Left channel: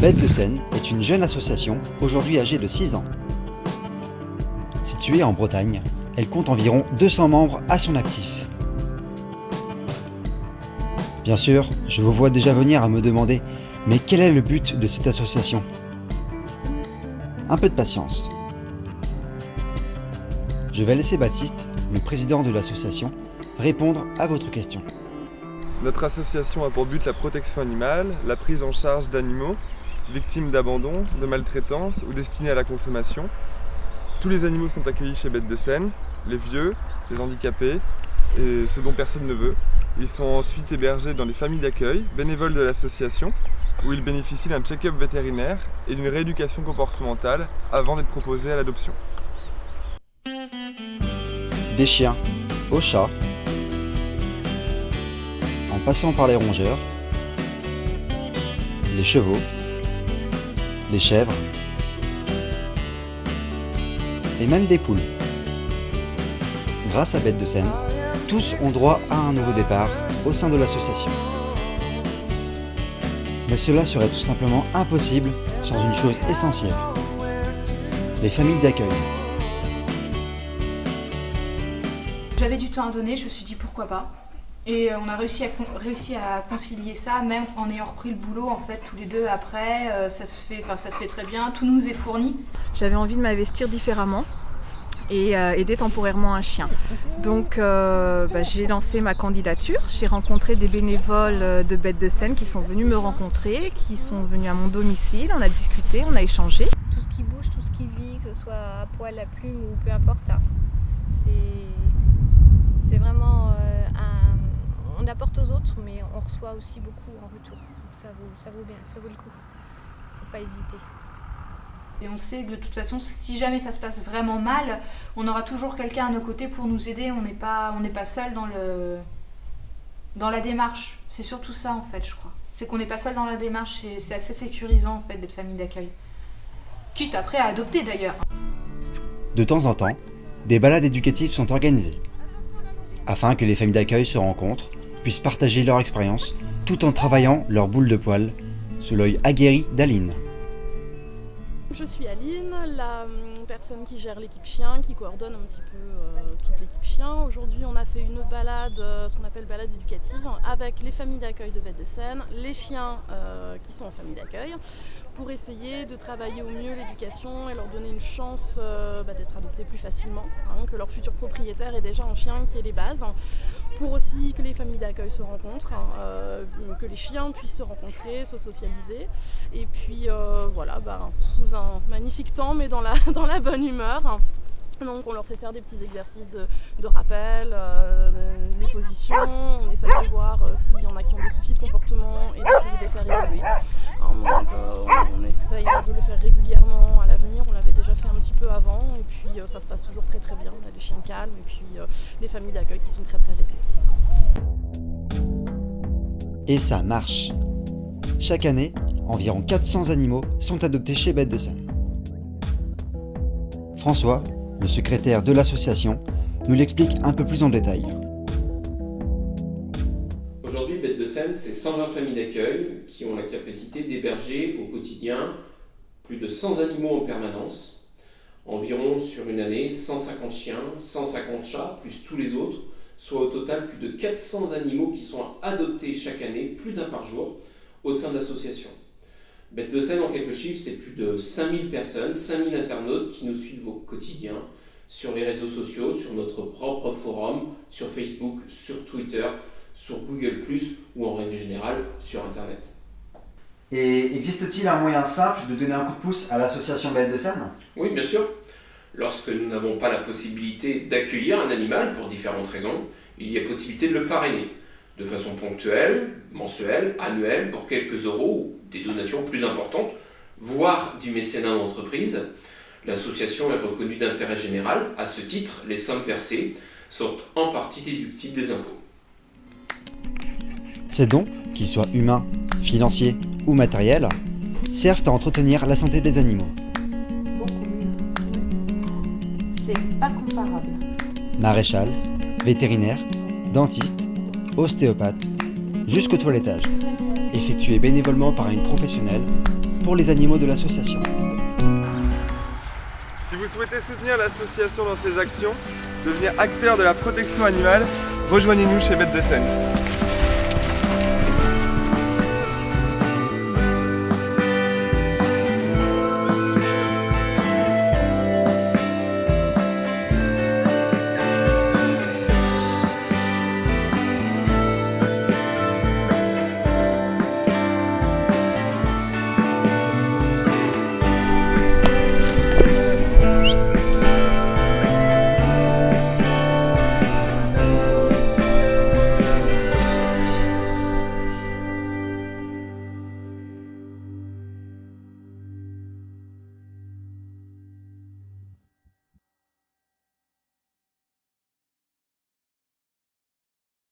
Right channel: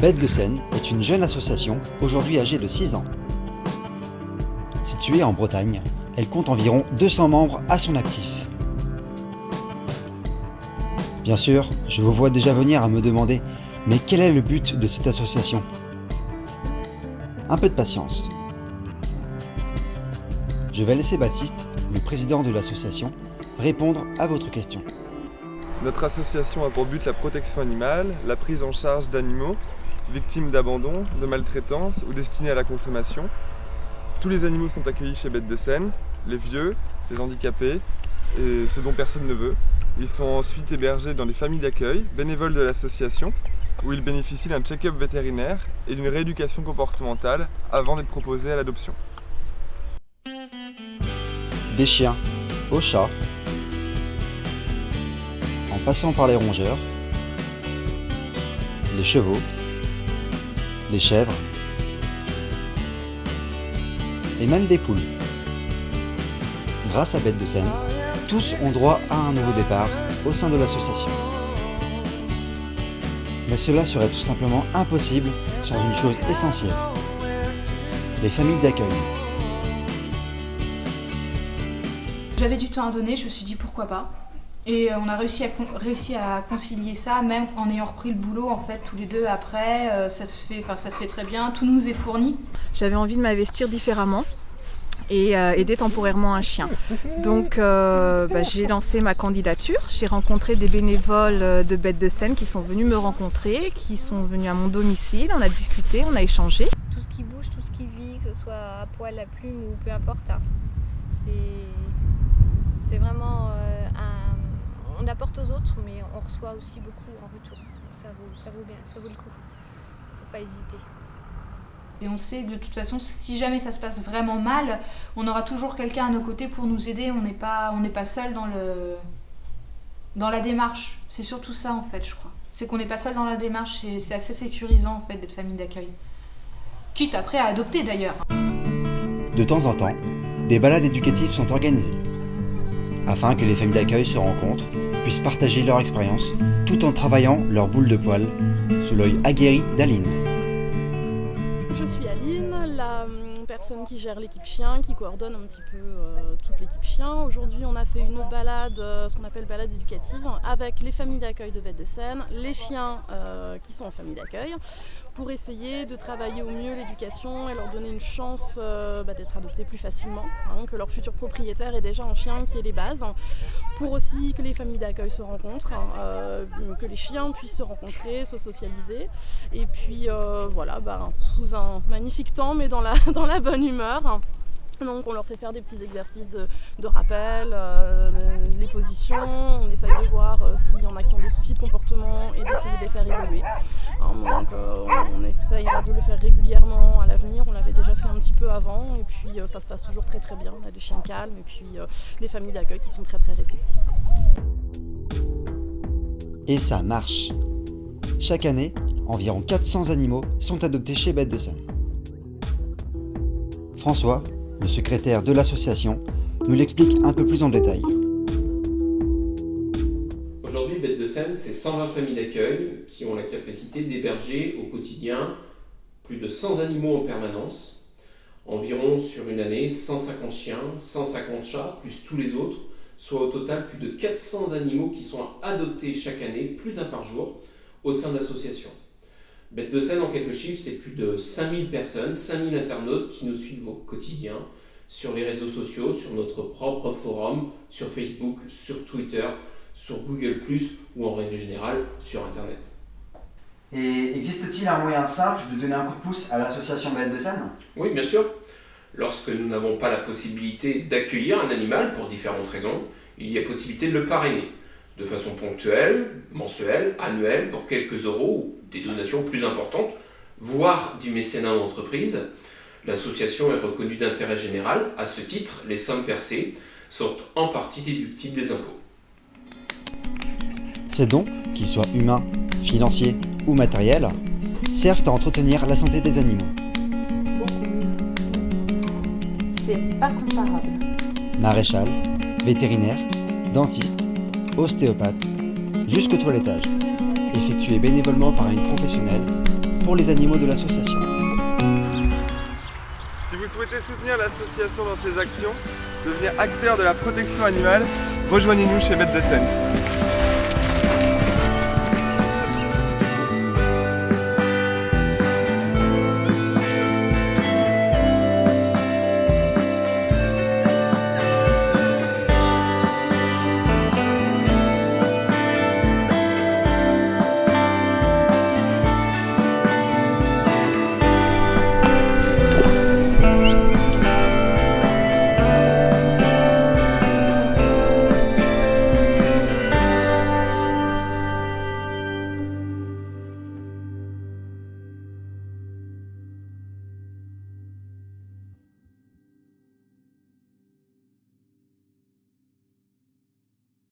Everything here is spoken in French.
Bêtes de Seine est une jeune association, aujourd'hui âgée de 6 ans. Située en Bretagne, elle compte environ 200 membres à son actif. Bien sûr, je vous vois déjà venir à me demander « Mais quel est le but de cette association ?» Un peu de patience. Je vais laisser Baptiste, le président de l'association, répondre à votre question. Notre association a pour but la protection animale, la prise en charge d'animaux victimes d'abandon, de maltraitance ou destinés à la consommation. Tous les animaux sont accueillis chez Bêtes de Seine, les vieux, les handicapés et ceux dont personne ne veut. Ils sont ensuite hébergés dans les familles d'accueil, bénévoles de l'association, où ils bénéficient d'un check-up vétérinaire et d'une rééducation comportementale avant d'être proposés à l'adoption. Des chiens aux chats, en passant par les rongeurs, les chevaux, les chèvres et même des poules. Grâce à Bêtes de Seine, tous ont droit à un nouveau départ au sein de l'association. Mais cela serait tout simplement impossible sans une chose essentielle, les familles d'accueil. J'avais du temps à donner, je me suis dit pourquoi pas. Et on a réussi à concilier ça, même en ayant repris le boulot en fait tous les deux après. Ça se fait très bien, tout nous est fourni. J'avais envie de m'investir différemment et aider temporairement un chien. Donc j'ai lancé ma candidature. J'ai rencontré des bénévoles de Bêtes de Seine qui sont venus me rencontrer, qui sont venus à mon domicile. On a discuté, on a échangé. Tout ce qui bouge, tout ce qui vit, que ce soit à poil, à plume ou peu importe, c'est vraiment on apporte aux autres, mais on reçoit aussi beaucoup en retour. Donc ça vaut bien, ça vaut le coup. Faut pas hésiter. Et on sait que de toute façon, si jamais ça se passe vraiment mal, on aura toujours quelqu'un à nos côtés pour nous aider. On n'est pas seul dans la démarche. C'est surtout ça en fait, je crois. C'est qu'on n'est pas seul dans la démarche et c'est assez sécurisant en fait d'être famille d'accueil. Quitte après à adopter d'ailleurs. De temps en temps, des balades éducatives sont organisées, afin que les familles d'accueil se rencontrent, puissent partager leur expérience, tout en travaillant leur boule de poil, sous l'œil aguerri d'Aline. Je suis Aline, la personne qui gère l'équipe chien, qui coordonne un petit peu toute l'équipe chien. Aujourd'hui, on a fait une balade, ce qu'on appelle balade éducative, avec les familles d'accueil de Bêtes de Seine, les chiens qui sont en famille d'accueil, pour essayer de travailler au mieux l'éducation et leur donner une chance d'être adoptés plus facilement, que leur futur propriétaire est déjà un chien qui est les bases, pour aussi que les familles d'accueil se rencontrent, que les chiens puissent se rencontrer, se socialiser, et puis sous un magnifique temps, mais dans la bonne humeur. Donc on leur fait faire des petits exercices de rappel, les positions, on essaye de voir s'il y en a qui ont des soucis de comportement et d'essayer de les faire évoluer. On essaye de le faire régulièrement à l'avenir, on l'avait déjà fait un petit peu avant et puis ça se passe toujours très très bien. On a des chiens calmes et puis les familles d'accueil qui sont très très réceptives. Et ça marche. Chaque année, environ 400 animaux sont adoptés chez Bêtes de Seine. François, le secrétaire de l'association, nous l'explique un peu plus en détail. Aujourd'hui, Bêtes de Seine, c'est 120 familles d'accueil qui ont la capacité d'héberger au quotidien plus de 100 animaux en permanence, environ sur une année 150 chiens, 150 chats, plus tous les autres, soit au total plus de 400 animaux qui sont adoptés chaque année, plus d'un par jour, au sein de l'association. Bêtes de Seine, en quelques chiffres, c'est plus de 5000 personnes, 5000 internautes qui nous suivent au quotidien sur les réseaux sociaux, sur notre propre forum, sur Facebook, sur Twitter, sur Google+, ou en règle générale, sur Internet. Et existe-t-il un moyen simple de donner un coup de pouce à l'association Bêtes de Seine ? Oui, bien sûr. Lorsque nous n'avons pas la possibilité d'accueillir un animal pour différentes raisons, il y a possibilité de le parrainer. De façon ponctuelle, mensuelle, annuelle, pour quelques euros ou des donations plus importantes, voire du mécénat d'entreprise. L'association est reconnue d'intérêt général. À ce titre, les sommes versées sont en partie déductibles des impôts. Ces dons, qu'ils soient humains, financiers ou matériels, servent à entretenir la santé des animaux. Beaucoup mieux. C'est pas comparable. Maréchal, vétérinaire, dentiste, ostéopathe, jusqu'au toilettage, effectué bénévolement par une professionnelle pour les animaux de l'association. Si vous souhaitez soutenir l'association dans ses actions, devenir acteur de la protection animale, rejoignez-nous chez Bêtes de Scène.